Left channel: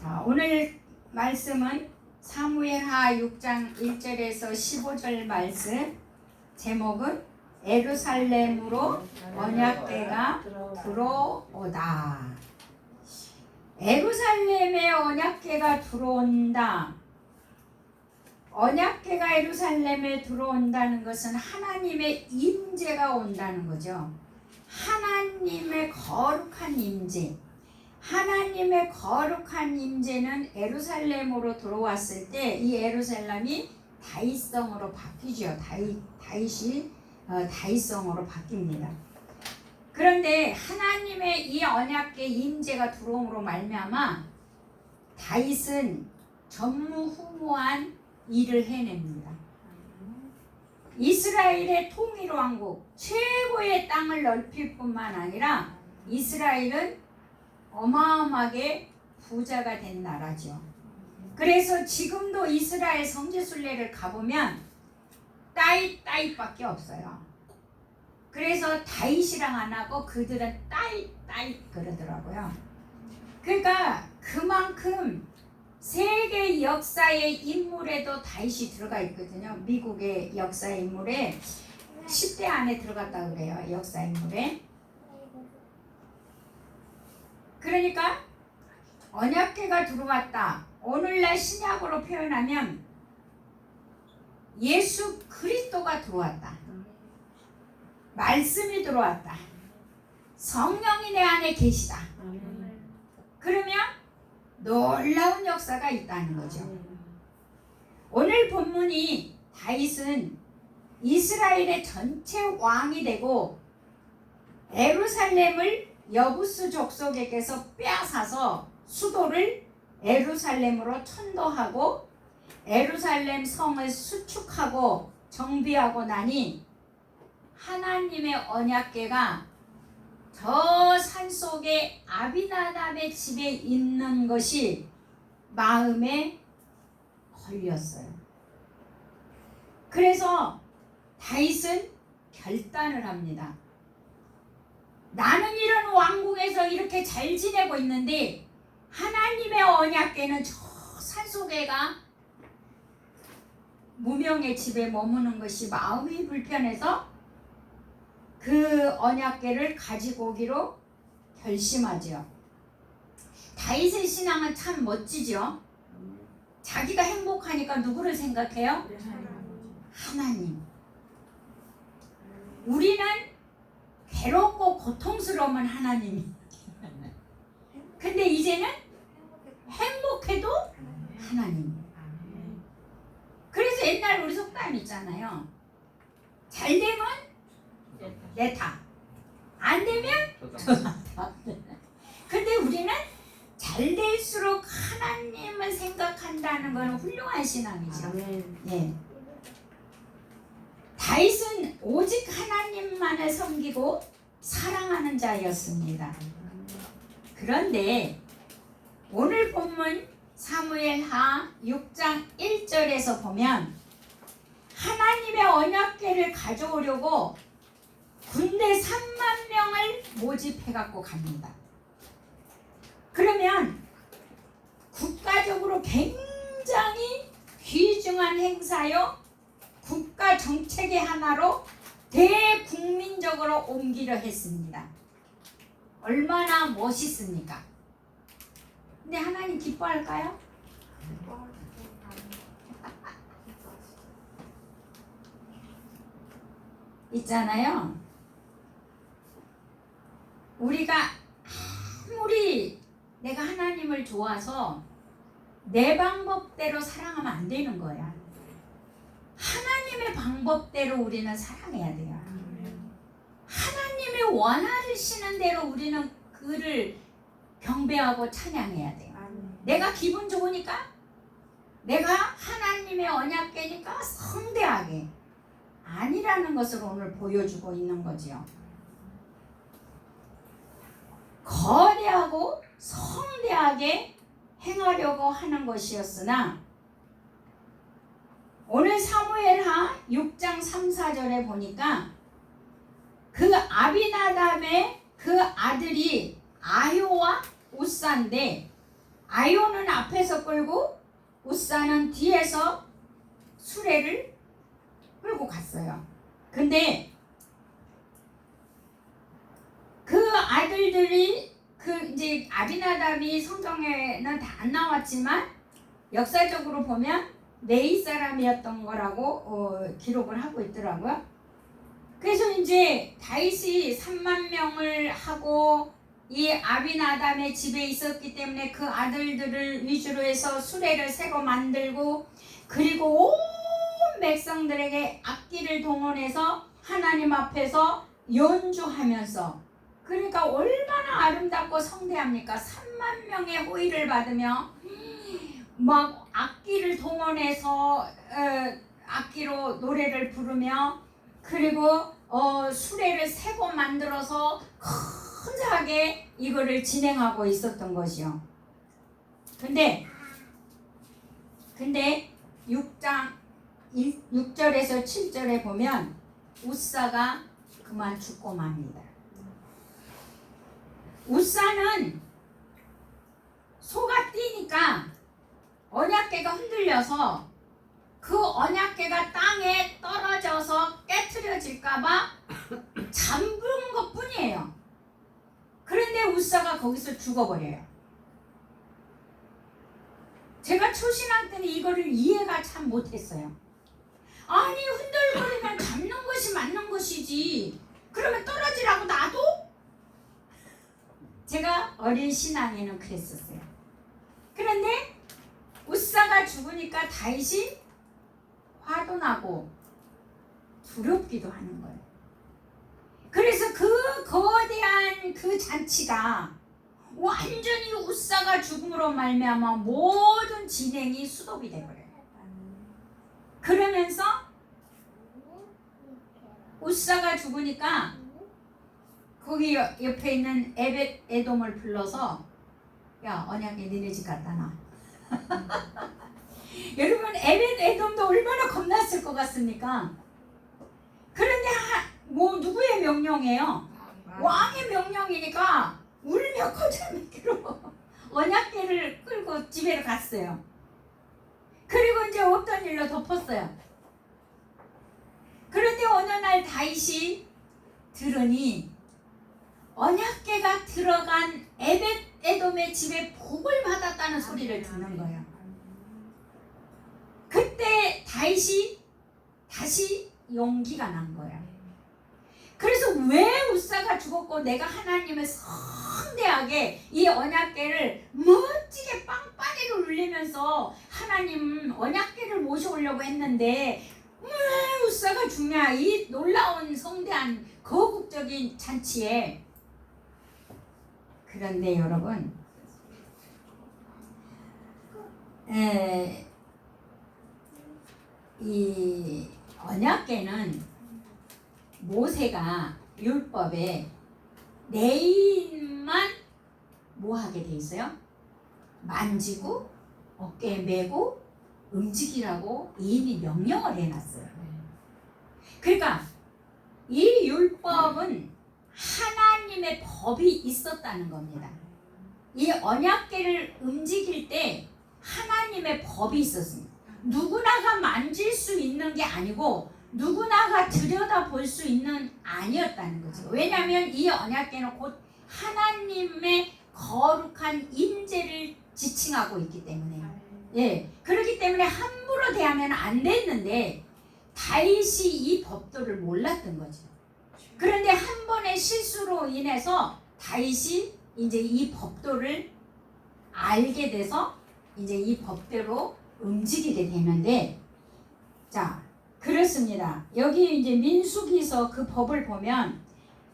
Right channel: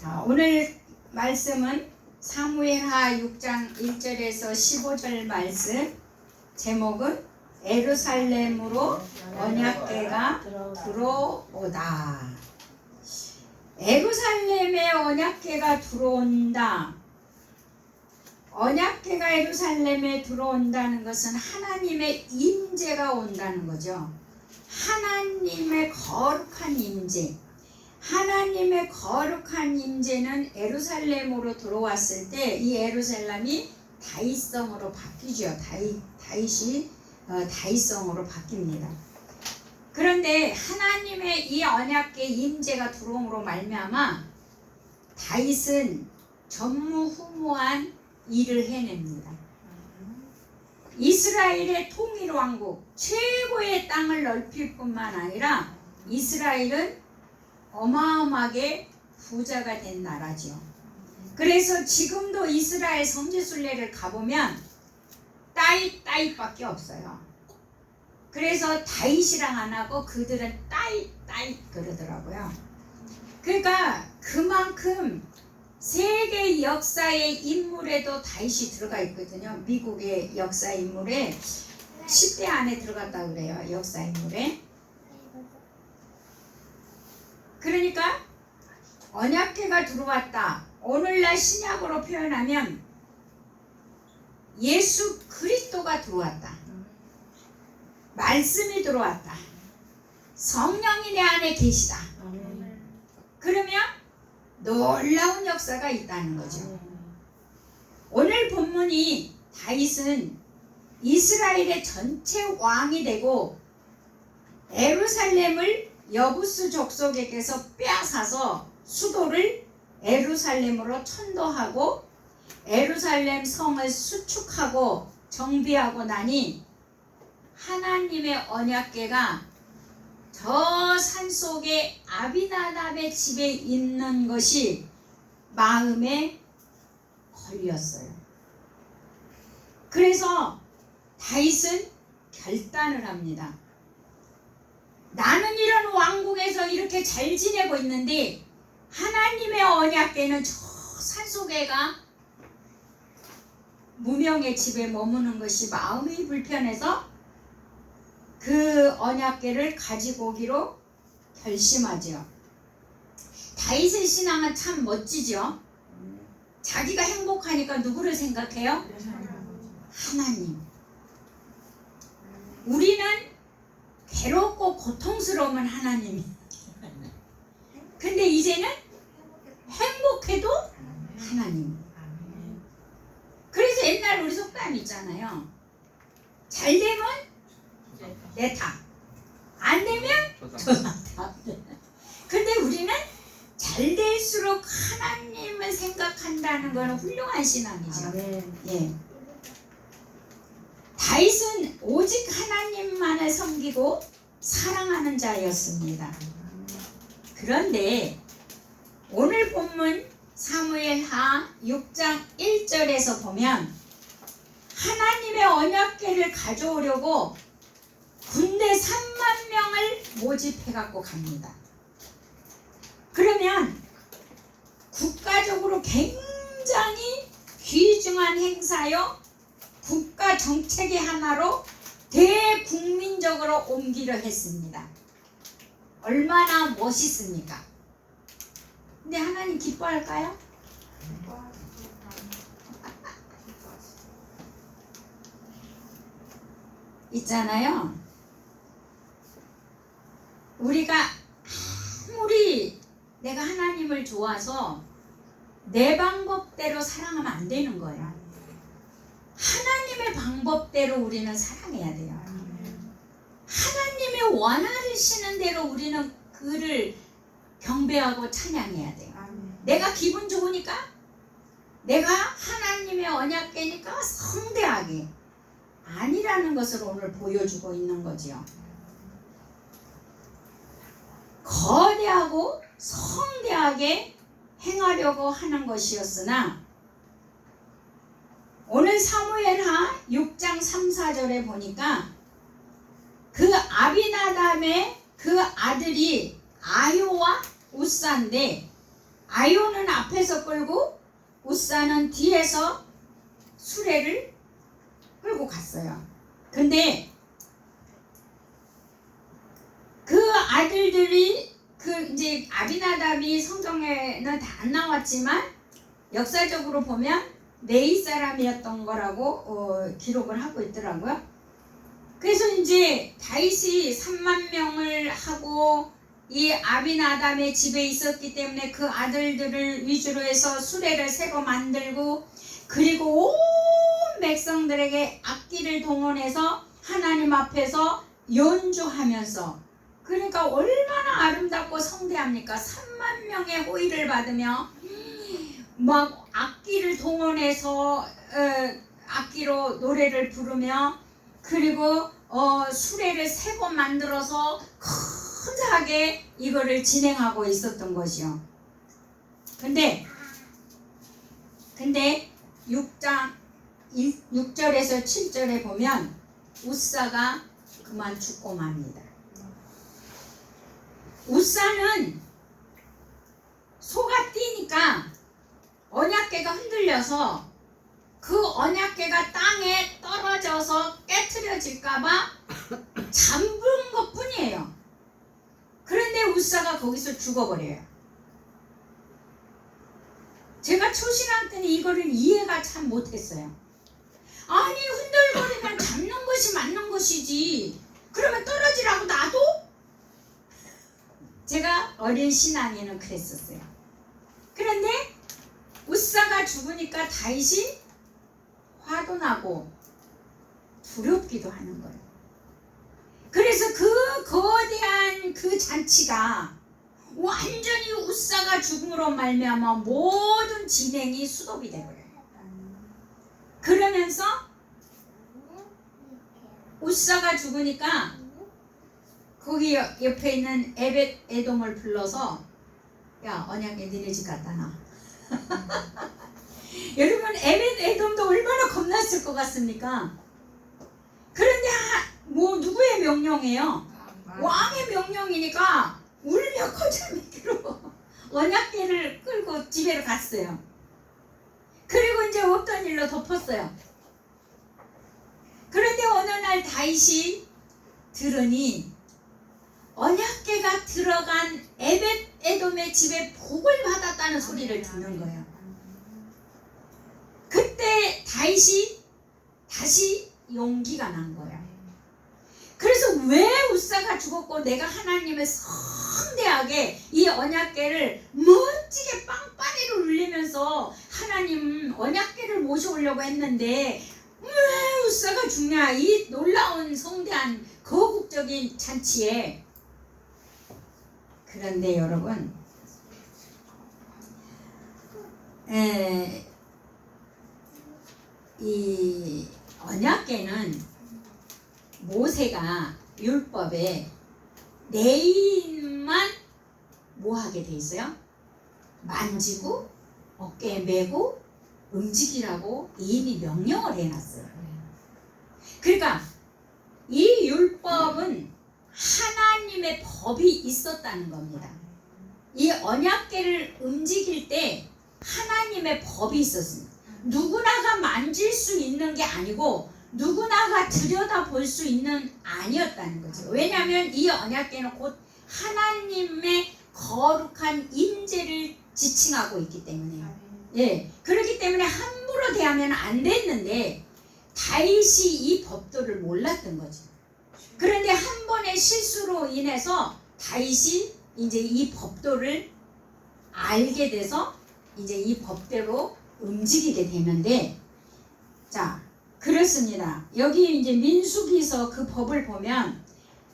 자, 오늘 말씀은 사무엘하 6장 1절에서 15절 말씀. 제목은 예루살렘으로 언약궤가 들어오다. 예루살렘에 언약궤가 들어온다. 언약궤가 예루살렘에 들어온다는 것은 하나님의 임재가 온다는 거죠. 하나님의 거룩한 임재. 하나님의 거룩한 임재는 예루살렘으로 들어왔을 때 이 예루살렘이 다윗성으로 바뀌죠. 다윗성으로 바뀝니다. 그런데 하나님의 이 언약궤 임재가 들어옴으로 말미암아 다윗은 전무후무한 일을 해냅니다. 이스라엘의 통일 왕국, 최고의 땅을 넓힐 뿐만 아니라 이스라엘은 어마어마하게 부자가 된 나라죠. 그래서 지금도 이스라엘 성지순례를 가보면 따잇밖에 없어요. 그래서 다윗이랑 안 하고 그들은 따잇 그러더라고요. 그러니까 그만큼 세계 역사의 인물에도 다윗이 들어가 있거든요. 미국의 역사 인물에 10대 안에 들어갔다 그래요. 역사 인물에. 그러니까 언약궤가 들어왔다. 오늘날 신약으로 표현하면 예수 그리스도가 들어왔다. 말씀이 들어왔다. 성령이 내 안에 계시다. 그러면 놀라운 역사가 있다는 거죠. 오늘 본문이 다윗은 이스라엘의 전체 왕이 되고 예루살렘을 여부스 족속에게서 빼앗아서 수도를 예루살렘으로 천도하고 예루살렘 성을 수축하고 정비하고 나니 하나님의 언약궤가 저 산속에 아비나답의 집에 있는 것이 마음에 걸렸어요. 그래서 다윗은 결단을 합니다. 나는 이런 왕국에서 이렇게 잘 지내고 있는데 하나님의 언약궤는 저 산속에가 무명의 집에 머무는 것이 마음이 불편해서 그 언약궤를 가지고 오기로 결심하죠. 다윗의 신앙은 참 멋지죠. 자기가 행복하니까 누구를 생각해요? 하나님. 우리는 괴롭고 고통스러우면 하나님이. 근데 이제는 행복해도 하나님. 그래서 옛날 우리 속담 있잖아요. 잘 되면 내 탓, 안 되면 저 탓. 근데 우리는 잘 될수록 하나님을 생각한다는 것은 훌륭한 신앙이죠. 예. 다윗은 오직 하나님만을 섬기고 사랑하는 자였습니다. 그런데 오늘 본문 사무엘하 6장 1절에서 보면 하나님의 언약궤를 가져오려고 군대 3만 명을 모집해 갖고 갑니다. 그러면 국가적으로 굉장히 귀중한 행사요, 국가 정책의 하나로 대국민적으로 옮기려 했습니다. 얼마나 멋있습니까? 근데 하나님 기뻐할까요? 있잖아요. 우리가 아무리 내가 하나님을 좋아서 내 방법대로 사랑하면 안 되는 거야. 하나님의 방법대로 우리는 사랑해야 돼요. 하나님의 원하시는 대로 우리는 그를 경배하고 찬양해야 돼요. 내가 기분 좋으니까, 내가 하나님의 언약궤니까 성대하게 아니라는 것을 오늘 보여주고 있는 거지요. 거대하고 성대하게 행하려고 하는 것이었으나 오늘 사무엘하 6장 3, 4절에 보니까 그 아비나답의 그 아들이 아요와 우사인데 아요는 앞에서 끌고 우사는 뒤에서 수레를 끌고 갔어요. 근데 그 아들들이 이제 아비나답이 성경에는 다 안 나왔지만 역사적으로 보면 네이 사람이었던 거라고 기록을 하고 있더라고요. 그래서 이제 다윗이 3만 명을 하고 이 아비나답의 집에 있었기 때문에 그 아들들을 위주로 해서 수레를 새로 만들고 그리고 온 백성들에게 악기를 동원해서 하나님 앞에서 연주하면서 그러니까 얼마나 아름답고 성대합니까? 3만 명의 호의를 받으며 막 악기를 동원해서 악기로 노래를 부르며 그리고 수레를 새 번 만들어서 큰하게 이거를 진행하고 있었던 것이요. 근데 6절에서 7절에 보면 우사가 그만 죽고 맙니다. 우사는 소가 뛰니까 언약궤가 흔들려서 그 언약궤가 땅에 떨어져서 깨트려질까봐 잠근 것 뿐이에요. 그런데 우사가 거기서 죽어버려요. 제가 초신앙 때는 이거를 이해가 참 못했어요. 아니 흔들거리면 잡는 것이 맞는 것이지 그러면 떨어지라고 놔둬? 제가 어린 신앙에는 그랬었어요. 그런데 우사가 죽으니까 다윗이 화도 나고 두렵기도 하는 거예요. 그래서 그 거대한 그 잔치가 완전히 우사가 죽음으로 말미암아 모든 진행이 수독이 되버려요. 그러면서 우사가 죽으니까 거기 옆에 있는 에벳 에돔을 불러서 야 언약궤 니네 집 갖다 놔. 여러분 에벳 에돔도 얼마나 겁났을 것 같습니까? 그런데 뭐 누구의 명령이에요? 왕의 명령이니까 울며 거절미로 언약궤를 끌고 집에 갔어요. 그리고 이제 없던 일로 덮었어요. 그런데 어느 날 다윗이 들으니 언약궤가 들어간 에벳 에돔의 집에 복을 받았다는 소리를 듣는 거예요. 그때 다윗이 다시 용기가 난 거예요. 그래서 왜 우사가 죽었고 내가 하나님의 성대하게 이 언약궤를 멋지게 빵빠레로 울리면서 하나님 언약궤를 모셔오려고 했는데 왜 우사가 죽냐 이 놀라운 성대한 거국적인 잔치에. 그런데 여러분 이 언약궤는 모세가 율법에 레인만 뭐 하게 돼 있어요? 만지고 어깨에 메고 움직이라고 이미 명령을 해놨어요. 그러니까 이 율법은 하나님의 법이 있었다는 겁니다. 이 언약궤를 움직일 때 하나님의 법이 있었습니다. 누구나가 만질 수 있는 게 아니고 누구나가 들여다볼 수 있는 아니었다는 거죠. 왜냐하면 이 언약궤는 곧 하나님의 거룩한 임재를 지칭하고 있기 때문에요. 예, 그렇기 때문에 함부로 대하면 안 됐는데 다윗이 이 법도를 몰랐던 거죠. 그런데 한 번의 실수로 인해서 다윗이 이제 이 법도를 알게 돼서 이제 이 법대로 움직이게 되는데, 자 그렇습니다. 여기 이제 민수기서 그 법을 보면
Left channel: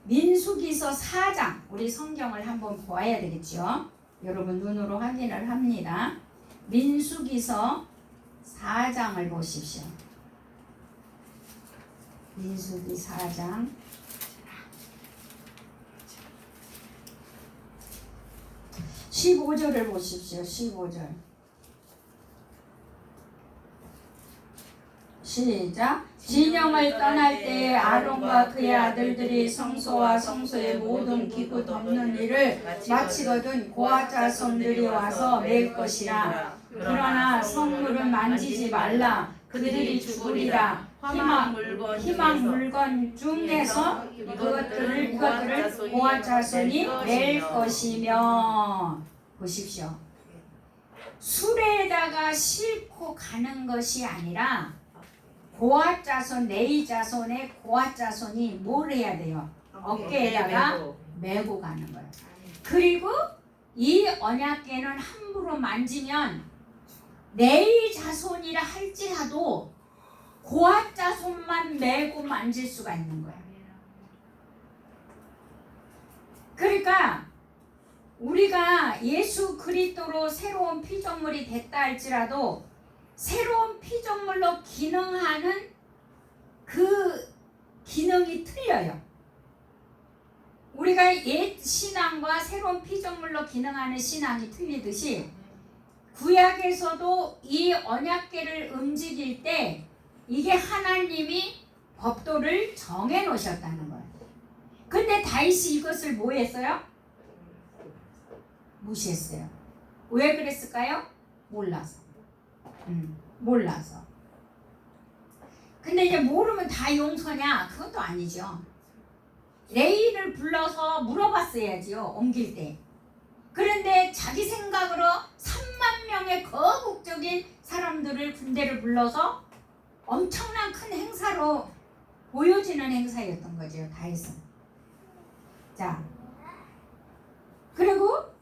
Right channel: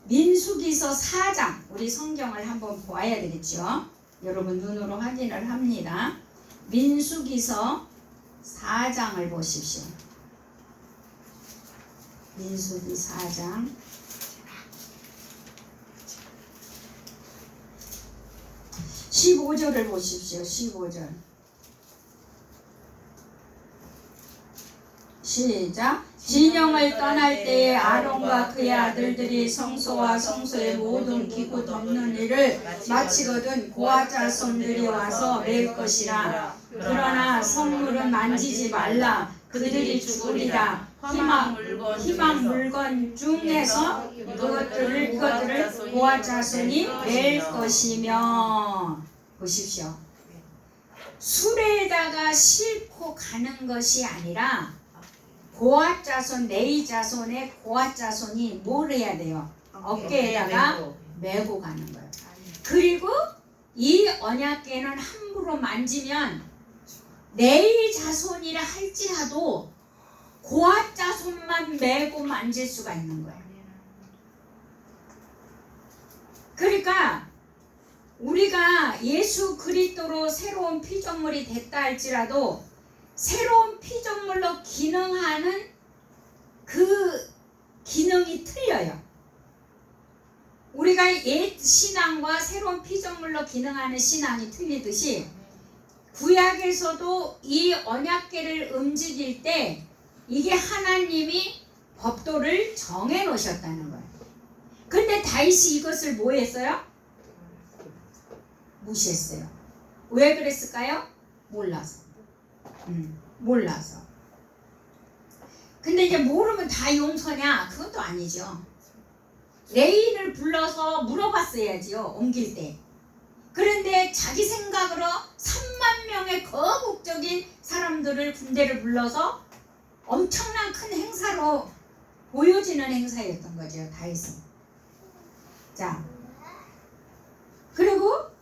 민수기서 4장 우리 성경을 한번 보아야 되겠죠. 여러분 눈으로 확인을 합니다. 민수기서 4장을 보십시오. 민수기 4장 15절을 보십시오. 15절 시작. 진영을 떠날 때에 아론과 그의 아들들이 성소와 성소의 모든 기구 덮는 일을 마치거든 고아 자손들이 와서 맬 것이라. 그러나 성물은 만지지 말라. 그들이 죽으리라. 희망 물건 중에서 이것들을 고아 자손이 맬 것이며. 보십시오. 수레에다가 싣고 가는 것이 아니라 고아 자손, 레위 자손의 고아 자손이 뭘 해야 돼요? 어깨에다가 메고 가는 거예요. 그리고 이 언약궤는 함부로 만지면 레위 자손이라 할지라도 고아 자손만 메고 만질 수가 있는 거예요. 그러니까 우리가 예수 그리스도로 새로운 피조물이 됐다 할지라도 새로운 피조물로 기능하는 그 기능이 틀려요. 우리가 옛 신앙과 새로운 피조물로 기능하는 신앙이 틀리듯이 구약에서도 이 언약궤를 움직일 때 이게 하나님이 법도를 정해 놓으셨다는 거예요. 근데 다윗이 이것을 뭐 했어요? 무시했어요. 왜 그랬을까요? 몰라서. 몰라서. 근데 이제 모르면 다 용서냐? 그것도 아니죠. 레위를 불러서 물어봤어야지요. 옮길 때. 그런데 자기 생각으로 3만 명의 거국적인 사람들을 군대를 불러서 엄청난 큰 행사로 보여지는 행사였던 거죠. 다윗은. 자, 그리고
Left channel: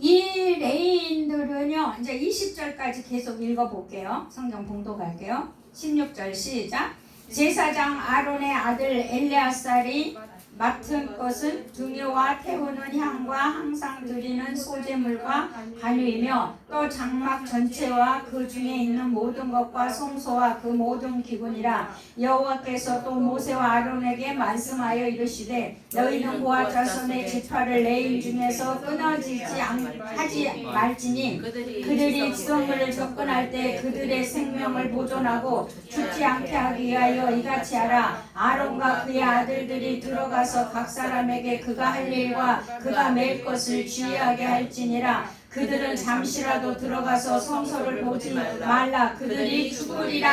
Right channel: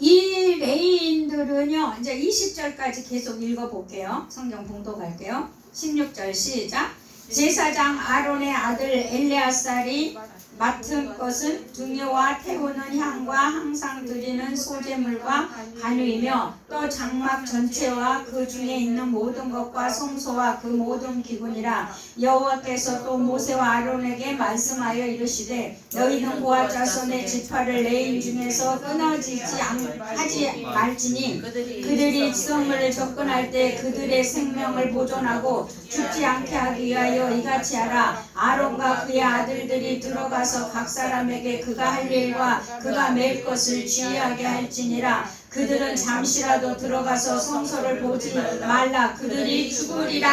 이 레위인들은요, 이제 20절까지 계속 읽어볼게요. 성경 봉독할게요. 16절 시작. 제사장 아론의 아들 엘레아살이 맡은 것은 등유와 태우는 향과 항상 드리는 소제물과 간유이며 또 장막 전체와 그 중에 있는 모든 것과 성소와 그 모든 기구니라. 여호와께서 또 모세와 아론에게 말씀하여 이르시되 너희는 고아 자손의 지파를 레위 중에서 끊어지지 하지 말지니 그들이 지성을 접근할 때 그들의 생명을 보존하고 죽지 않게 하기 위하여 이같이 하라. 아론과 그의 아들들이 들어가서 각 사람에게 그가 할 일과 그가 맬 것을 주의하게 할지니라. 그들은 잠시라도 들어가서 성소를 보지 말라. 그들이 죽으리라.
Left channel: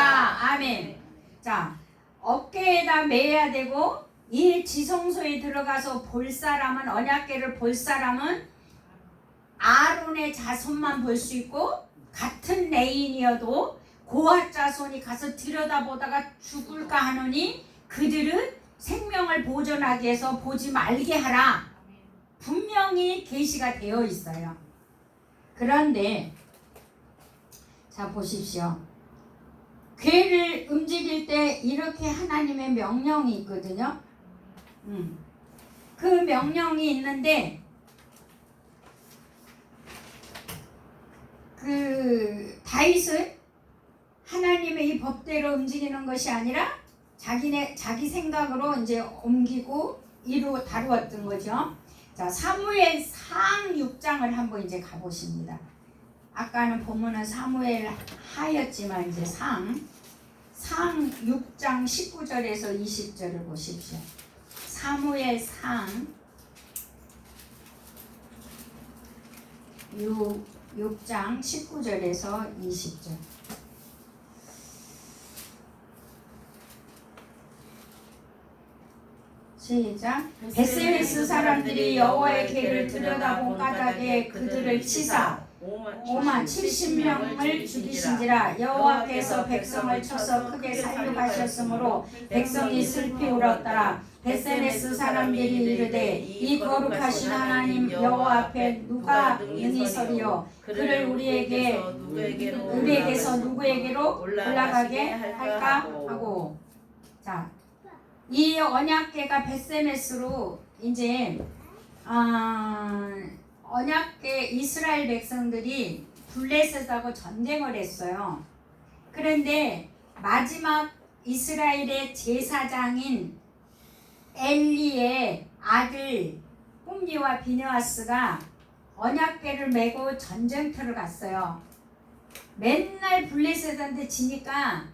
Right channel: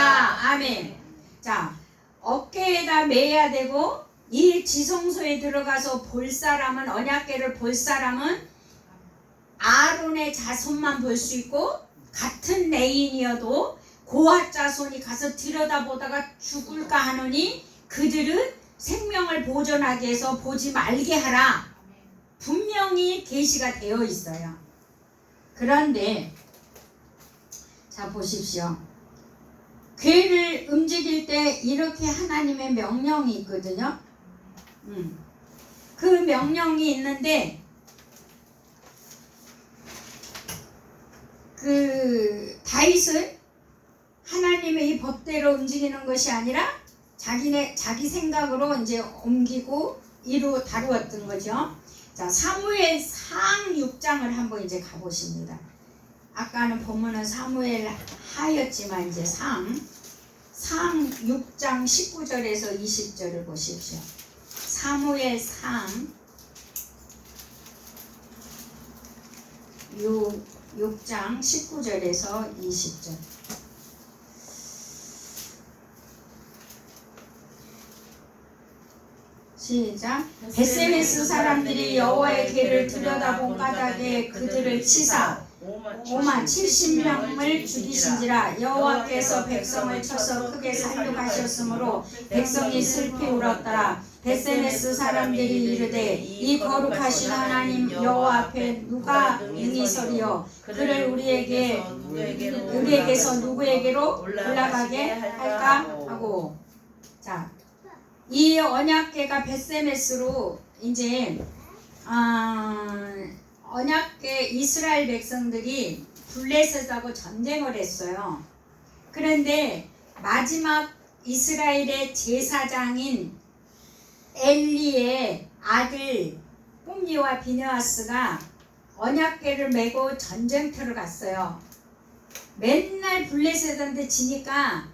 아멘. 자, 어깨에다 매야 되고 이 지성소에 들어가서 볼 사람은, 언약궤를 볼 사람은 아론의 자손만 볼 수 있고, 같은 레인이어도 고아 자손이 가서 들여다보다가 죽을까 하노니 그들은 생명을 보존하기 위해서 보지 말게 하라. 분명히 계시가 되어 있어요. 그런데 자 보십시오. 궤를 움직일 때 이렇게 하나님의 명령이 있거든요. 그 명령이 있는데 그 다윗은 하나님의 이 법대로 움직이는 것이 아니라 자기 생각으로 이제 옮기고 다루었던 거죠. 자, 사무엘 상 6장을 한번 이제 가보십니다. 아까는 보면은 사무엘 하였지만 이제 상 6장 19절에서 20절을 보십시오. 사무엘 상 6장 19절에서 20절. 시작. 베세메스 사람들이 여호와의 궤를 들여다본 까닭에 그들을 치사 5만 70명을 죽이신지라. 여호와께서 백성을 쳐서 크게 살육하셨으므로 백성이 슬피 울었더라. 베세메스 사람들이 이르되 이 거룩하신 하나님 여호와 앞에 누가 능히 서리요. 그를 우리에게서 누구에게로 올라가게 할까 하고. 자, 이 언약궤가 베세메스로 이제 언약궤 이스라엘 백성들이 블레셋하고 전쟁을 했어요. 그런데 마지막 이스라엘의 제사장인 엘리의 아들 홈리와 비느하스가 언약궤를 메고 전쟁터를 갔어요. 맨날 블레셋한테 지니까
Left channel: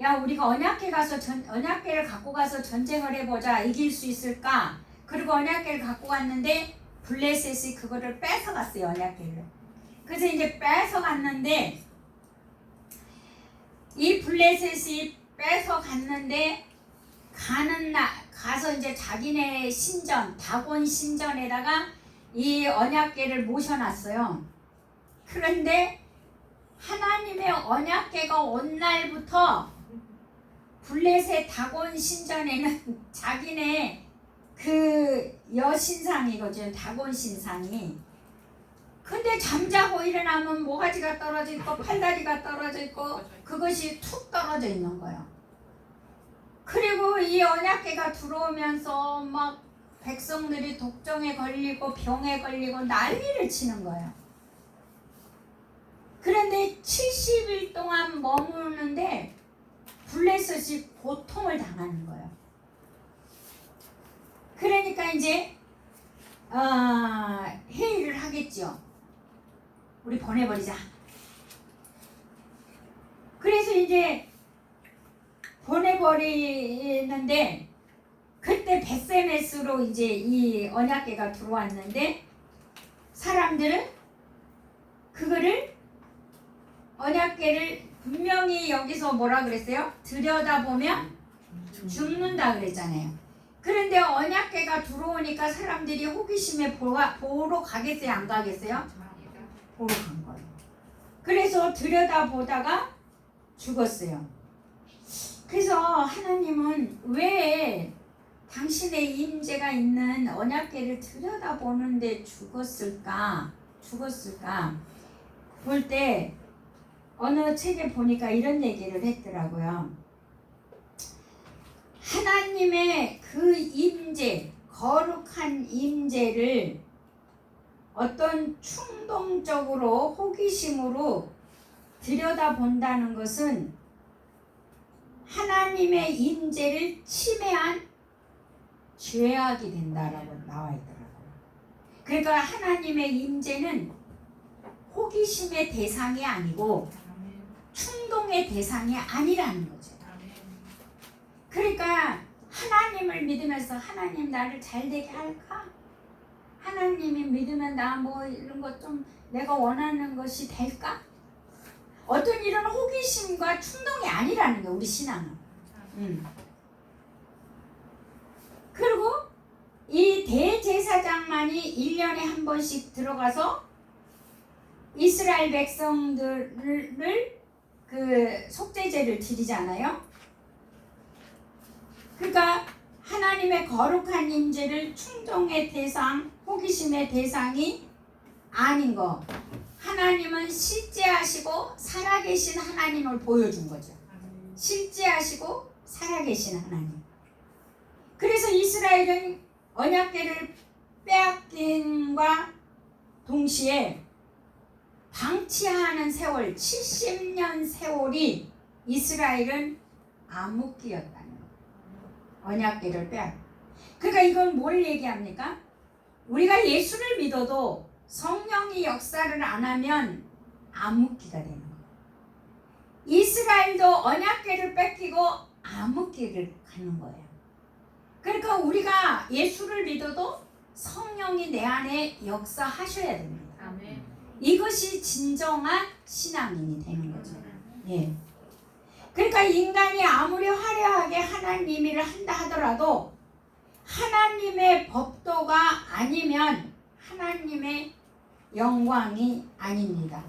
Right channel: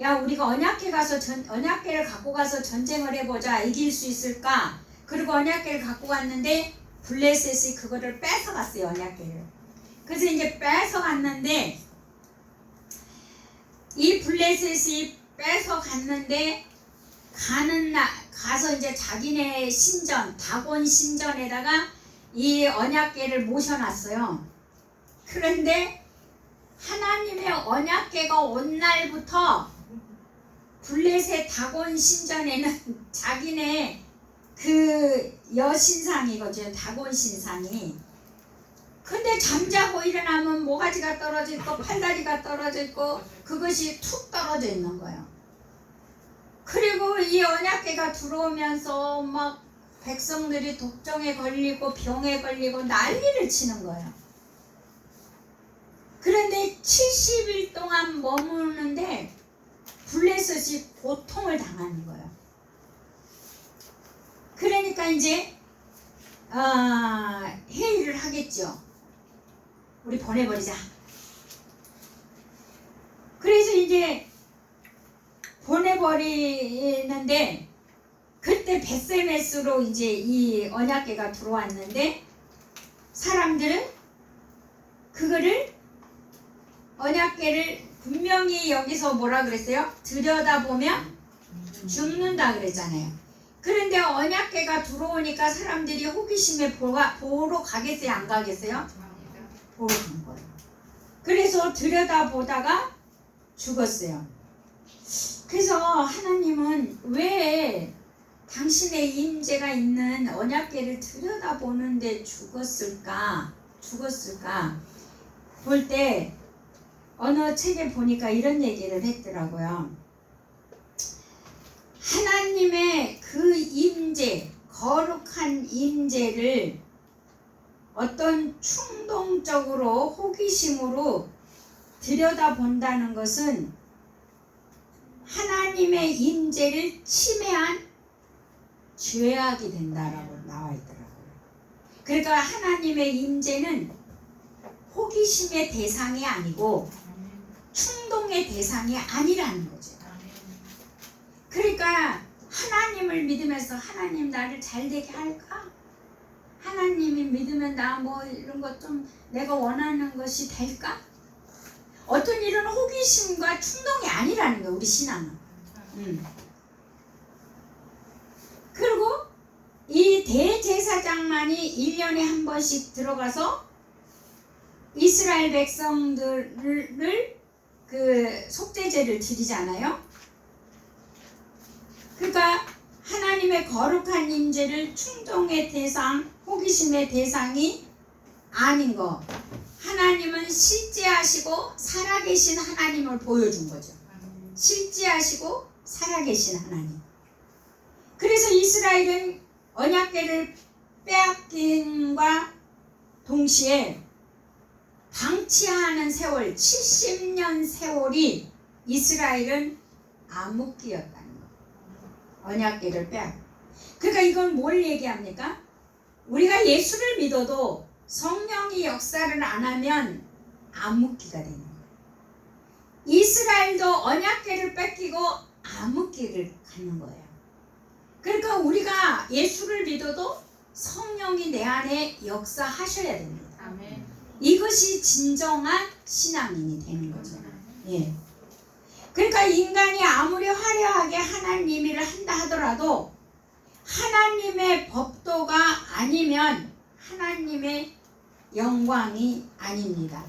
야 우리가 언약궤를 갖고 가서 전쟁을 해보자. 이길 수 있을까? 그리고 언약궤를 갖고 갔는데 블레셋이 그거를 뺏어갔어요. 언약궤를. 그래서 이제 뺏어갔는데 이 블레셋이 뺏어갔는데 가서 이제 자기네 신전 다곤 신전에다가 이 언약궤를 모셔놨어요. 그런데 하나님의 언약궤가 온 날부터 블레셋 다곤 신전에는 자기네 그 여신상이거든요. 다곤 신상이. 근데 잠자고 일어나면 모가지가 떨어져 있고 팔다리가 떨어져 있고 그것이 툭 떨어져 있는 거예요. 그리고 이 언약궤가 들어오면서 막 백성들이 독종에 걸리고 병에 걸리고 난리를 치는 거예요. 그런데 70일 동안 머무르는데 블레셋이 고통을 당하는 거예요. 그러니까 이제 회의를 하겠죠. 우리 보내버리자. 그래서 이제 보내버리는데 그때 벳세메스로 이제 이 언약궤가 들어왔는데 사람들은 그거를 언약궤를 분명히 여기서 뭐라 그랬어요? 들여다보면 죽는다 그랬잖아요. 그런데 언약궤가 들어오니까 사람들이 호기심에 보러 가겠어요? 안 가겠어요? 보러 간 거예요. 그래서 들여다보다가 죽었어요. 그래서 하나님은 왜 당신의 임재가 있는 언약궤를 들여다보는데 죽었을까? 볼 때 어느 책에 보니까 이런 얘기를 했더라고요. 하나님의 그 임재, 거룩한 임재를 어떤 충동적으로 호기심으로 들여다본다는 것은 하나님의 임재를 침해한 죄악이 된다라고 나와 있더라고요. 그러니까 하나님의 임재는 호기심의 대상이 아니고 충동의 대상이 아니라는 거죠. 그러니까 하나님을 믿으면서 하나님 나를 잘되게 할까? 하나님이 믿으면 나 뭐 이런 것 좀 내가 원하는 것이 될까? 어떤 이런 호기심과 충동이 아니라는 거예요. 우리 신앙은. 그리고 이 대제사장만이 1년에 한 번씩 들어가서 이스라엘 백성들을 그 속죄제를 드리잖아요. 그러니까 하나님의 거룩한 임재를 충동의 대상, 호기심의 대상이 아닌 거. 하나님은 실제하시고 살아계신 하나님을 보여준 거죠. 실제하시고 살아계신 하나님. 그래서 이스라엘은 언약궤를 빼앗김과 동시에 방치하는 세월 70년 세월이 이스라엘은 암흑기였다는 거예요. 언약궤를 빼앗. 그러니까 이건 뭘 얘기합니까? 우리가 예수를 믿어도 성령이 역사를 안 하면 암흑기가 되는 거예요. 이스라엘도 언약궤를 뺏기고 암흑기를 가는 거예요. 그러니까 우리가 예수를 믿어도 성령이 내 안에 역사하셔야 됩니다. 아멘. 이것이 진정한 신앙인이 되는 거죠. 예. 그러니까 인간이 아무리 화려하게 하나님 일을 한다 하더라도 하나님의 법도가 아니면 하나님의 영광이 아닙니다.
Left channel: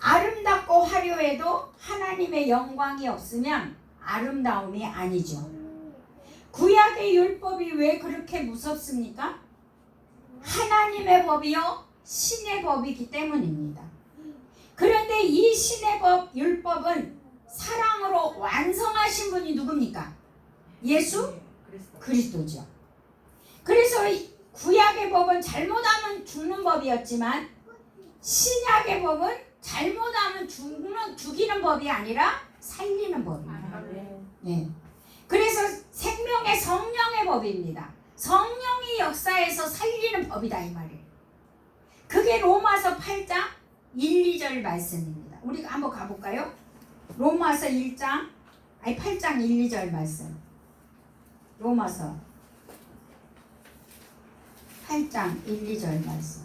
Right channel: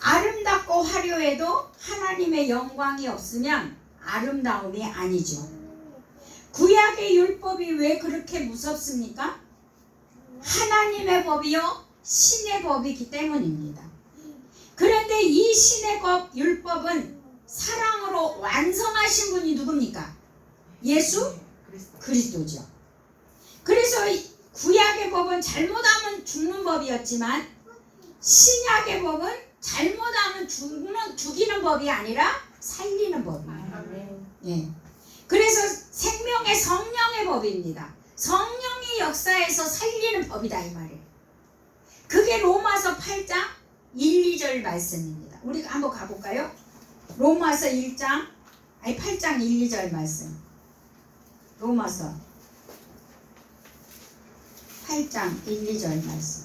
아름답고 화려해도 하나님의 영광이 없으면 아름다움이 아니죠. 구약의 율법이 왜 그렇게 무섭습니까? 하나님의 법이요 신의 법이기 때문입니다. 그런데 이 신의 법, 율법은 사랑으로 완성하신 분이 누굽니까? 예수 그리스도죠. 그래서 구약의 법은 잘못하면 죽는 법이었지만 신약의 법은 잘못하면 죽이는 법이 아니라 살리는 법입니다. 예. 그래서 생명의 성령의 법입니다. 성령이 역사에서 살리는 법이다 이 말이에요. 그게 로마서 8장 1, 2절 말씀입니다. 우리가 한번 가볼까요? 로마서 1장 8장 1, 2절 말씀. 로마서 8장 1, 2절 말씀.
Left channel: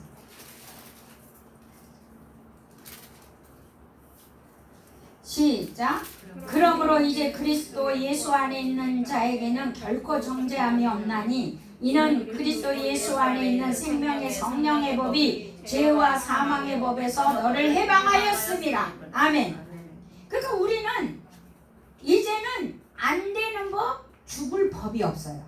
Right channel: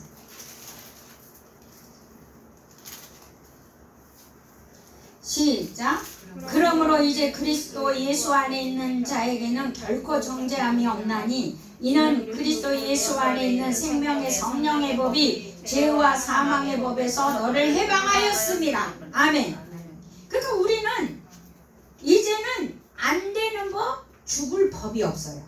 시작. 그러므로 이제 그리스도 예수 안에 있는 자에게는 결코 정죄함이 없나니 이는 그리스도 예수 안에 있는 생명의 성령의 법이 죄와 사망의 법에서 너를 해방하였습니다. 아멘. 그러니까 우리는 이제는 안 되는 법, 죽을 법이 없어요.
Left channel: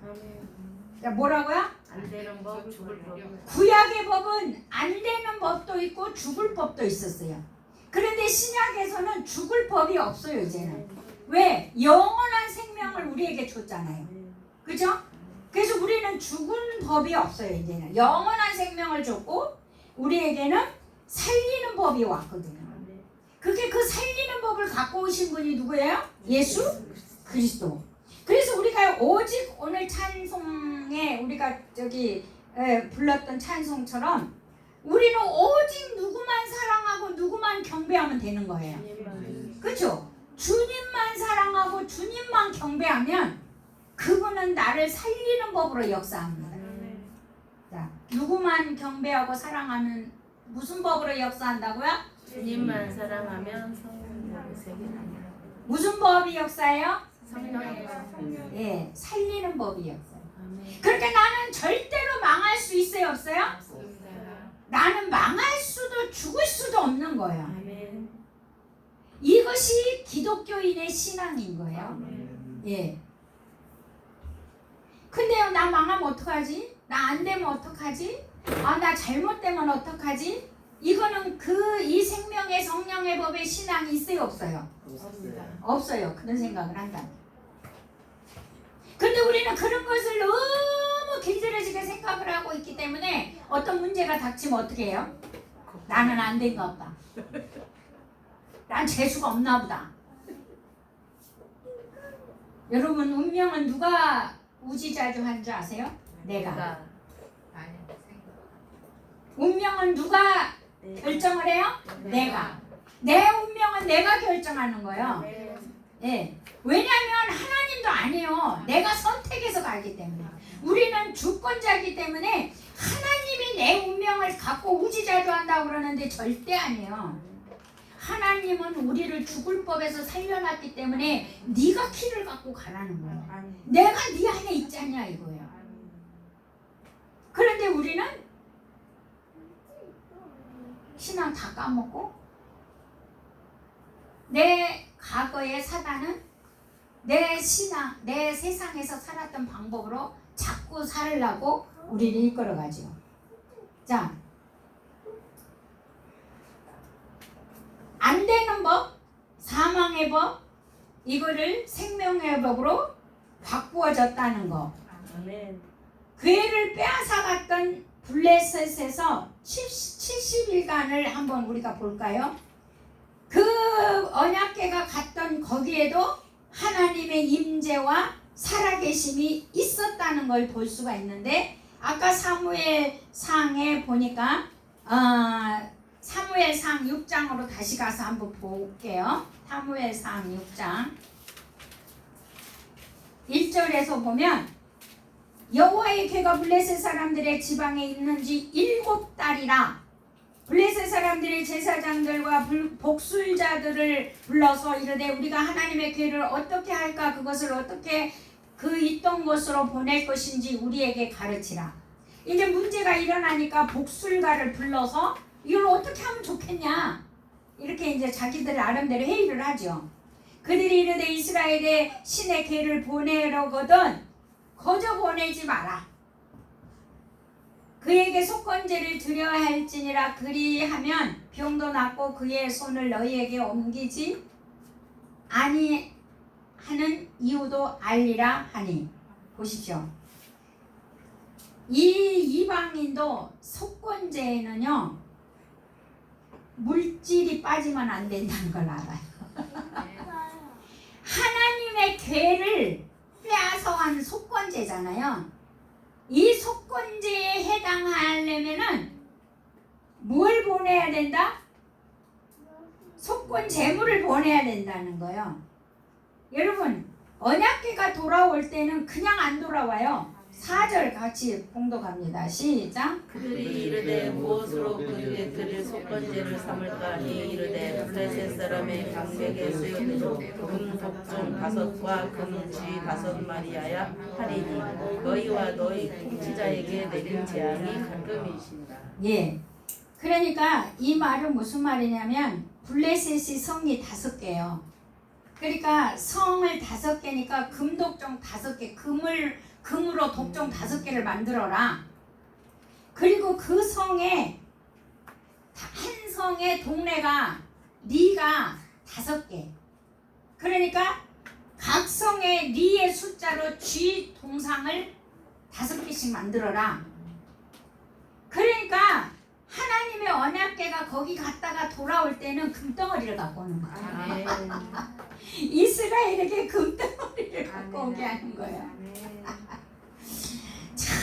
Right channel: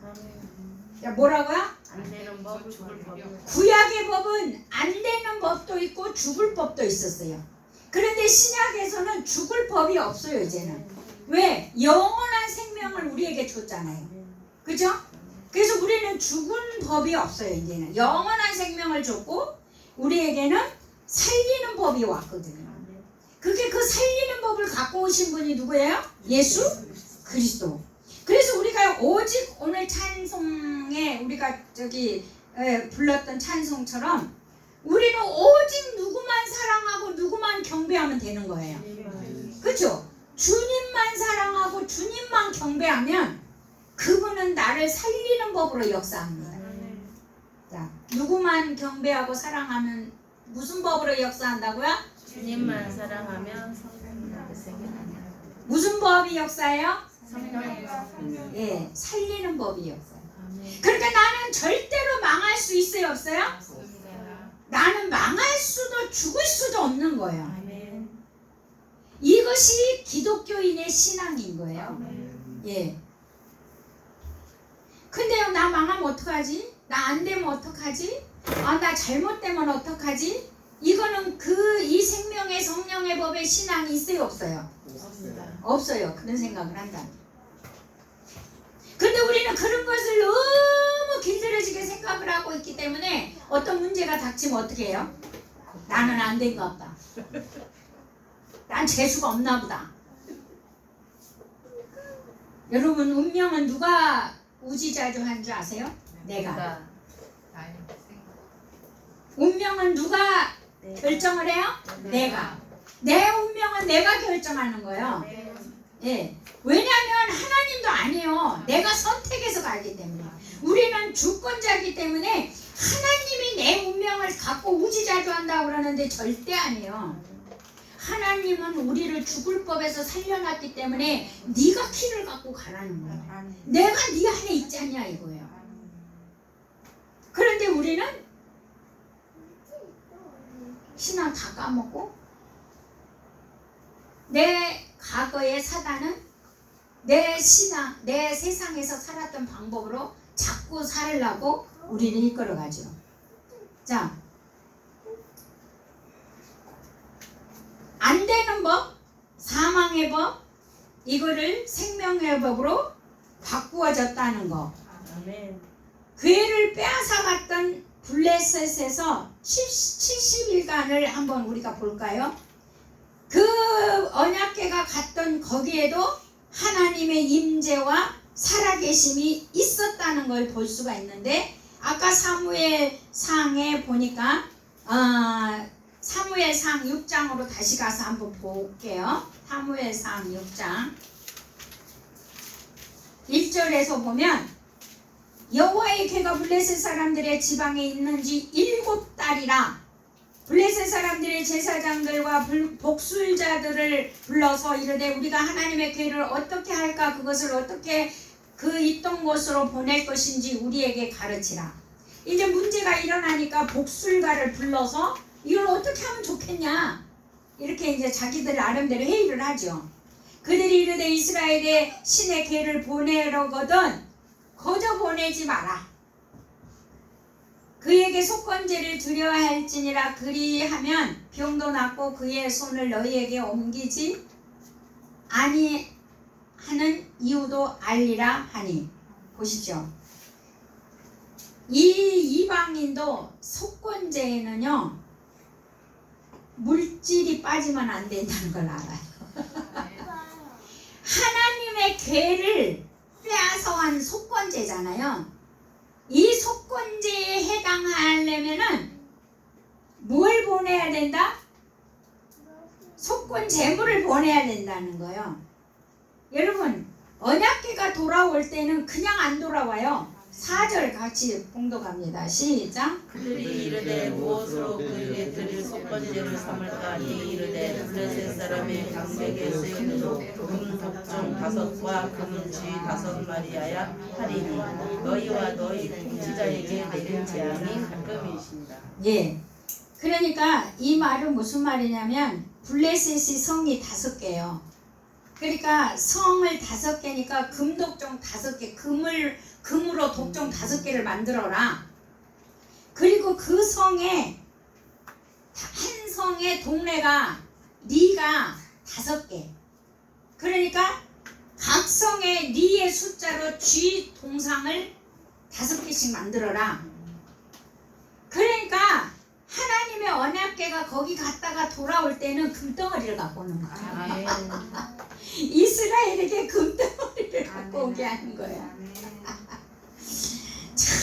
뭐라고요? 안 되는 법, 죽을 법이 구약의 법은 안 되는 법도 있고 죽을 법도 있었어요. 그런데 신약에서는 죽을 법이 없어요. 이제는. 왜? 영원한 생명을 우리에게 줬잖아요. 그죠? 그래서 우리는 죽은 법이 없어요. 이제는 영원한 생명을 줬고 우리에게는 살리는 법이 왔거든요. 그게 그 살리는 법을 갖고 오신 분이 누구예요? 예수 그리스도. 그래서 우리가 오직 오늘 찬송에 우리가 불렀던 찬송처럼 우리는 오직 누구만 사랑하고 누구만 경배하면 되는 거예요. 그렇죠? 주님만 사랑하고 주님만 경배하면 그분은 나를 살리는 법으로 역사합니다. 자, 누구만 경배하고 사랑하면 무슨 법으로 역사한다고요? 주님만 사랑하면 성령의 세계입니다. 무슨 법이 역사해요? 성령의 예, 살리는 법이 역사해요. 그러니까 나는 절대로 망할 수 있어요, 없어요? 나는 망할 수도 죽을 수도 없는 거예요. 아멘. 이것이 기독교인의 신앙인 거예요. 아멘. 예. 근데요, 나 망하면 어떡하지? 나 안 되면 어떡하지? 아, 나 잘못되면 어떡하지? 이거는 이 생명의 성령의 법에 신앙이 있어요, 없어요? 없습니다. 없어요. 그런 생각을 한다. 근데 우리는 그런 것을 너무 길들여지게 생각을 하고 있기 때문에 어떤 문제가 닥치면 어떻게 해요? 나는 안 된가 보다. 난 재수가 없나 보다. 여러분, 운명은 누가 우지자주한 줄 아세요? 내가. 운명은 누가 결정을 해요? 내가. 내 운명은 내가 결정하는 거예요. 예. 왜냐하면 하나님도 아니에요. 내가 선택해서 가기 때문에. 우리는 주권자이기 때문에 하나님이 내 운명을 갖고 우지자주한다고 그러는데 절대 아니에요. 하나님은 우리를 죽을 법에서 살려놨기 때문에 네가 키를 갖고 가라는 거예요. 내가 네 안에 있지 않냐 이거예요. 그런데 우리는 신앙 다 까먹고 내 과거의 사단은 내 신앙, 내 세상에서 살았던 방법으로 자꾸 살려고 우리를 이끌어가죠. 자, 안 되는 법, 사망의 법, 이거를 생명의 법으로 바꾸어졌다는 거. 아멘. 괴를 빼앗아갔던 블레셋에서 70일간을 한번 우리가 볼까요? 그 언약궤가 갔던 거기에도 하나님의 임재와 살아계심이 있었다는 걸 볼 수가 있는데 아까 사무엘상에 보니까 사무엘상 6장으로 다시 가서 한번 볼게요. 사무엘상 6장 1절에서 보면 여호와의 궤가 블레셋 사람들의 지방에 있는지 7달이라 블레셋 사람들의 제사장들과 복술자들을 불러서 이르되 우리가 하나님의 궤를 어떻게 할까 그것을 어떻게 그 있던 곳으로 보낼 것인지 우리에게 가르치라. 이제 문제가 일어나니까 복술가를 불러서 이걸 어떻게 하면 좋겠냐 이렇게 이제 자기들 나름대로 회의를 하죠. 그들이 이르되 이스라엘의 신의 궤를 보내려거든 거저 보내지 마라. 그에게 속건제를 드려야 할지니라. 그리하면 병도 낫고 그의 손을 너희에게 옮기지 아니 하는 이유도 알리라 하니. 보십시오. 이 이방인도 속건제에는요 물질이 빠지면 안 된다는 걸 알아요. 하나님의 궤를 빼앗아간 속건제잖아요. 이 속건제에 해당하려면은 뭘 보내야 된다? 속건 제물을 보내야 된다는 거예요. 여러분 언약궤가 돌아올 때는 그냥 안 돌아와요. 4절 같이 봉독합니다. 시작. 그들이 이르되 무엇으로 그에게 드릴 속건제를 삼을까 하니 이르되 블레셋 사람의 강백에 쓰인 금속종 5과 금은쥐 5마리하여 하리니 너희와 너희 통치자에게 내린 재앙이 금이십니다. 예. 그러니까 이 말은 무슨 말이냐면 블레셋이 성이 5개요. 그러니까 성을 5개니까 금독종 5개, 금으로 독종 5개를 만들어라. 그리고 그 성에 한 성의 동네가 리가 5개. 그러니까 각 성의 리의 숫자로 쥐 동상을 5개씩 만들어라. 그러니까 하나님의 언약궤가 거기 갔다가 돌아올 때는 금덩어리를 갖고 오는 거야. 아멘. 이스라엘에게 금덩어리를 갖고 오게 하는 거야. 참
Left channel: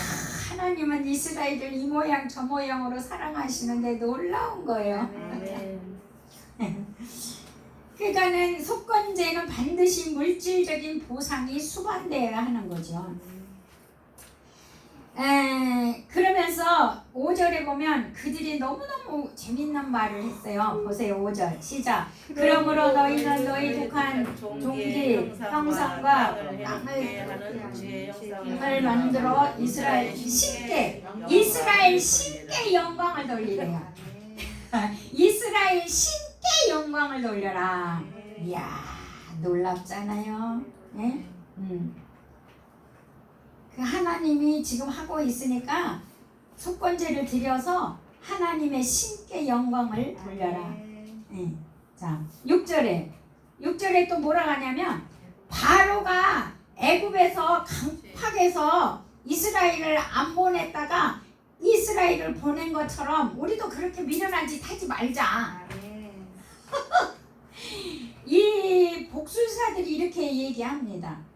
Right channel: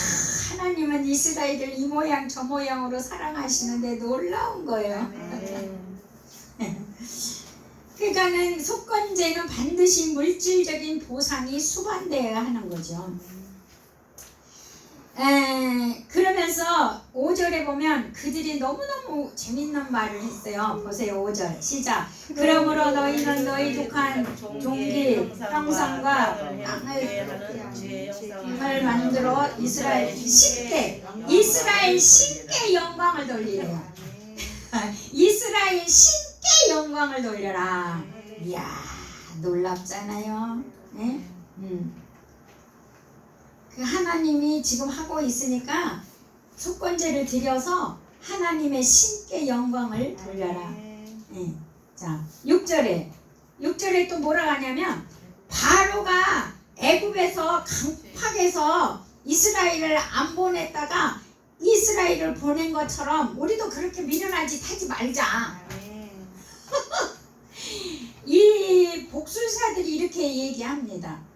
하나님은 이스라엘을 이 모양 저 모양으로 사랑하시는데 놀라운 거예요. 아멘. 그러니까는 속건제는 반드시 물질적인 보상이 수반되어야 하는 거죠. 그러면서 5절에 보면 그들이 너무너무 재밌는 말을 했어요. 보세요. 5절 시작. 그러므로 너희는 너희 독한 종기 형상과 땅을 만들어 이스라엘 신께 영광을 돌리래요. 이스라엘 신께 영광을 돌려라. 이야 놀랍잖아요. 네? 그 하나님이 지금 하고 있으니까 속건제를 드려서 하나님의 신께 영광을 돌려라. 네. 자 6절에 또 뭐라고 하냐면 바로가 애굽에서 강팍해서 이스라엘을 안 보냈다가 이스라엘을 보낸 것처럼 우리도 그렇게 미련한 짓 하지 말자. 이 복술사들이 이렇게 얘기합니다.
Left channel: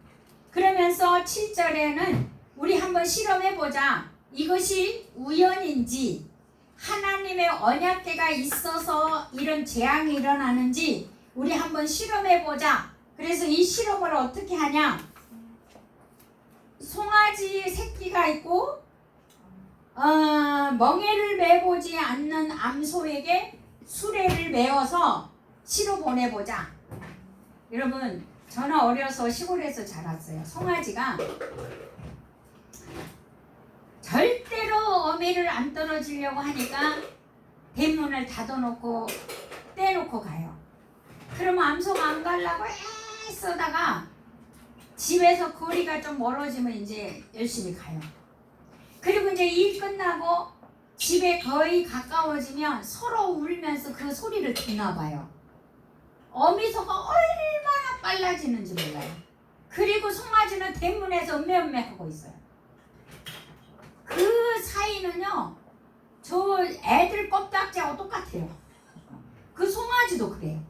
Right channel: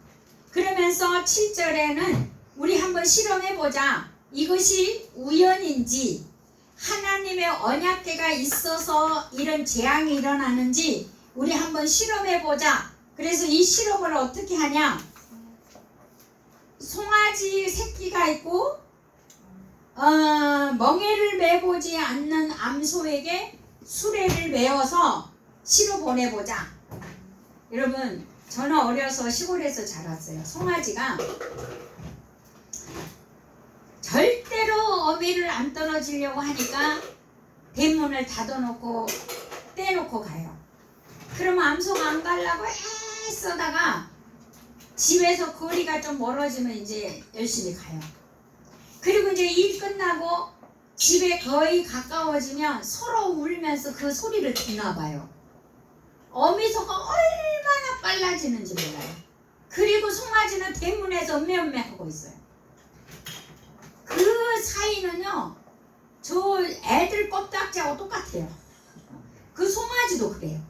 그러면서 7절에는 우리 한번 실험해보자. 이것이 우연인지 하나님의 언약궤가 있어서 이런 재앙이 일어나는지 우리 한번 실험해보자. 그래서 이 실험을 어떻게 하냐. 송아지 새끼가 있고 멍에를 매보지 않는 암소에게 수레를 메어서 실어 보내보자. 여러분 저는 어려서 시골에서 자랐어요. 송아지가 절대로 어미를 안 떨어지려고 하니까 대문을 닫아놓고 떼놓고 가요. 그러면 암소가 안 가려고 애쓰다가 집에서 거리가 좀 멀어지면 이제 열심히 가요. 그리고 이제 일 끝나고 집에 거의 가까워지면 서로 울면서 그 소리를 듣나 봐요. 어미소가 얼마나 빨라지는지 몰라요. 그리고 송아지는 대문에서 음메음메 하고 있어요. 그 사이는요 저 애들 껍딱지하고 똑같아요. 그 송아지도 그래요.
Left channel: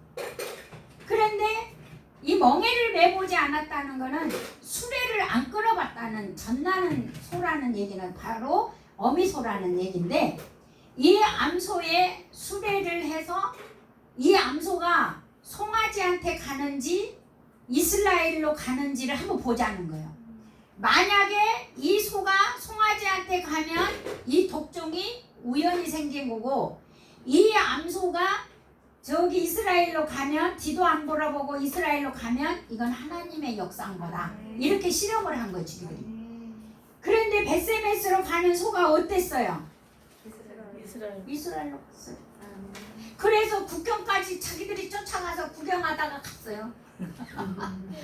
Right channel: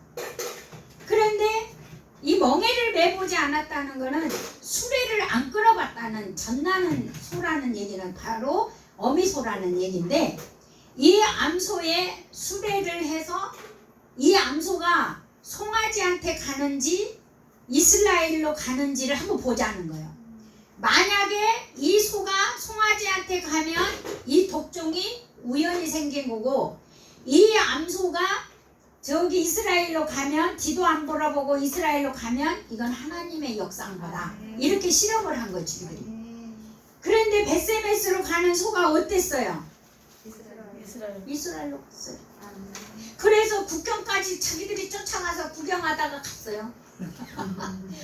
그런데 이 멍에를 매보지 않았다는 거는 수레를 안 끌어봤다는 전나는 소라는 얘기는 바로 어미소라는 얘기인데 이 암소에 수레를 해서 이 암소가 송아지한테 가는지 이스라엘로 가는지를 한번 보자는 거예요. 만약에 이 소가 송아지한테 가면 이 독종이 우연히 생긴 거고 이 암소가 저기 이스라엘로 가면 뒤도 안 돌아보고 이스라엘로 가면 이건 하나님의 역사인 거다. 이렇게 실험을 한 거지 그들이. 그런데 벳세메스로 가는 소가 어땠어요? 이스라엘로 갔어요. 그래서 국경까지 자기들이 쫓아가서 구경하다가 갔어요.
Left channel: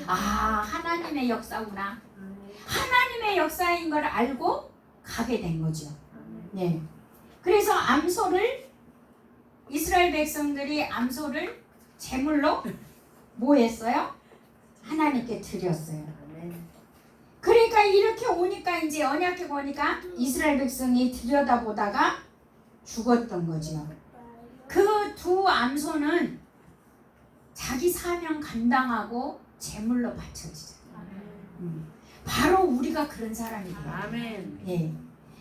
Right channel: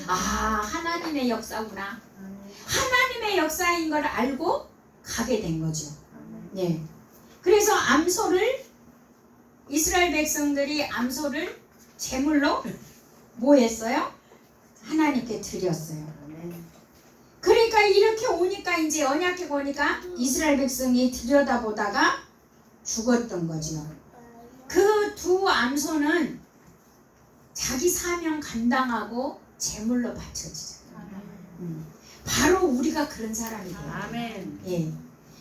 아 하나님의 역사구나. 하나님의 역사인 걸 알고 가게 된 거죠. 네. 그래서 암소를 이스라엘 백성들이 암소를 제물로 뭐 했어요? 하나님께 드렸어요. 그러니까 이렇게 오니까 이제 언약궤 보니까 이스라엘 백성이 들여다보다가 죽었던 거죠. 그 두 암소는 자기 사명 감당하고 제물로 바쳐지잖아요. 바로 우리가 그런 사람이 돼요. 아멘. 예.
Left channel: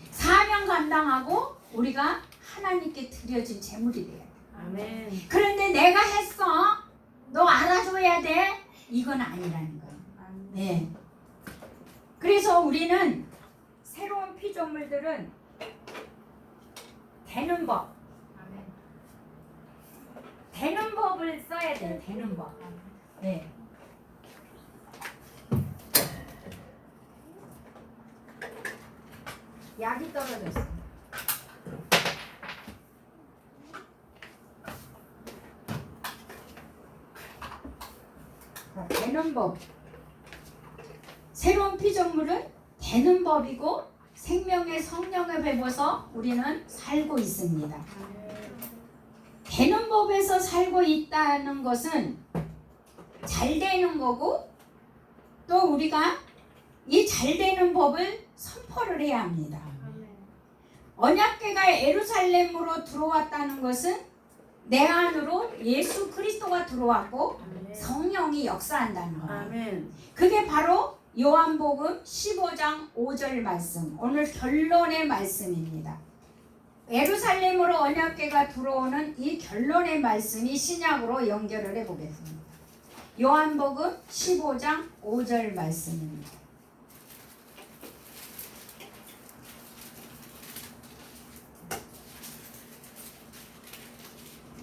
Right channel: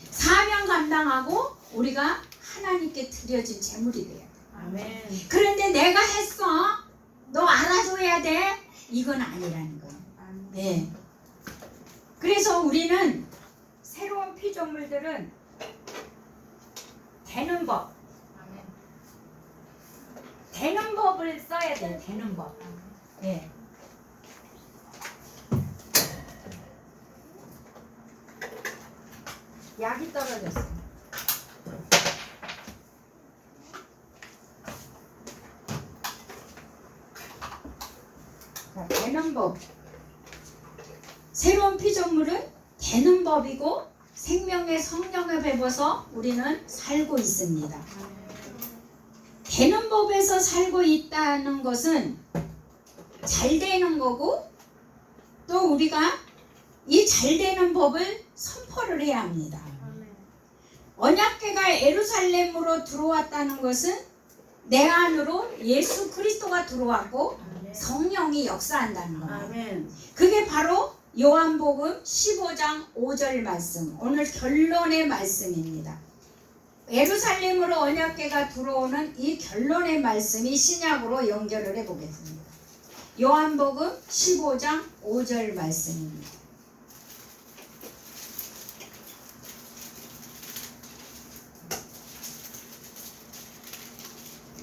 사명 감당하고 우리가 하나님께 드려진 제물이 돼야 돼. 아멘. 그런데 내가 했어. 너 알아줘야 돼. 이건 아니라는 거예요. 예. 그래서 우리는 새로운 피조물들은 되는 법을 써야 돼요. 되는 법. 예. 약이 떨어졌어. 자, 되는 법. 새로운 피조물은 되는 법이고 생명의 성령을 배워서 우리는 살고 있습니다. 되는 법에서 살고 있다는 것은 잘 되는 거고 또 우리가 이 잘 되는 법을 선포를 해야 합니다. 언약궤가 예루살렘으로 들어왔다는 것은 내 안으로 예수 그리스도가 들어왔고 성령이 역사한다는 거예요. 아멘. 그게 바로 요한복음 15장 5절 말씀, 오늘 결론의 말씀입니다. 예루살렘으로 언약궤가 들어오는 이 결론의 말씀이 신약으로 연결을 해보겠습니다. 요한복음 15장 5절 말씀입니다.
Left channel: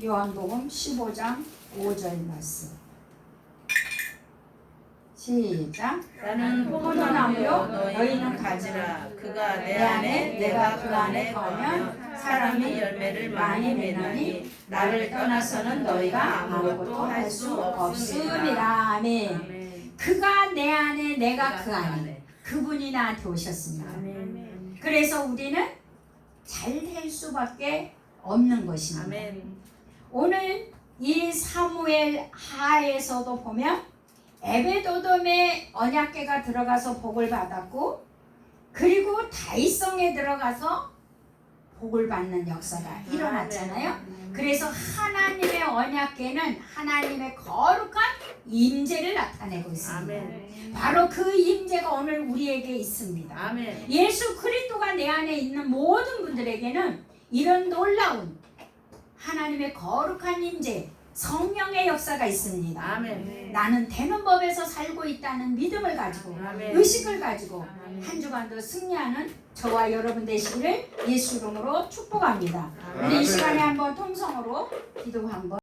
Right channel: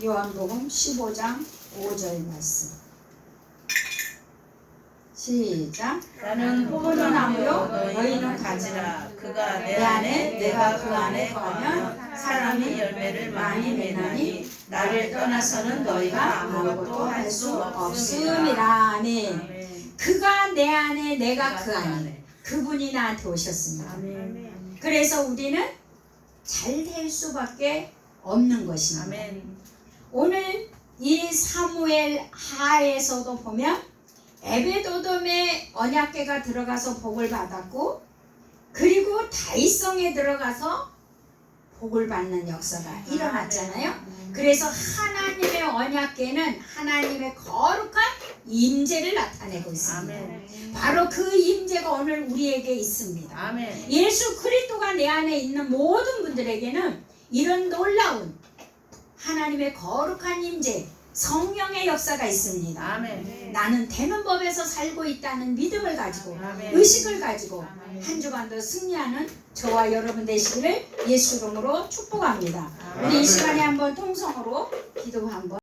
요한복음 15장 5절 말씀. 시작. 나는 포도나무요 너희는 가지라. 그가 내 안에 내가 그 안에 거하면 사람이 열매를 많이 맺나니 나를 떠나서는 너희가 아무것도 할 수 없음이라. 없음이라. 아멘. 아멘. 그가 내 안에 내가 그 안에 그분이 나한테 오셨습니다. 아멘. 그래서 우리는 잘 될 수밖에 없는 것입니다. 아멘. 오늘 이 사무엘 하에서도 보면 에베도돔의 언약궤가 들어가서 복을 받았고 그리고 다윗성에 들어가서 복을 받는 역사가 일어났잖아요. 그래서 하나님의 언약궤는 하나님의 거룩한 임재를 나타내고 있습니다. 아멘. 바로 그 임재가 오늘 우리에게 있습니다. 아멘. 예수 그리스도가 내 안에 있는 모든 분들에게는 이런 놀라운 하나님의 거룩한 임재, 성령의 역사가 있습니다. 아멘. 나는 되는 법에서 살고 있다는 믿음을 가지고 아멘. 의식을 가지고 아멘. 한 주간도 승리하는 저와 여러분 되시기를 예수 이름으로 축복합니다. 아멘. 우리 이 시간에 한번 통성으로 기도 한번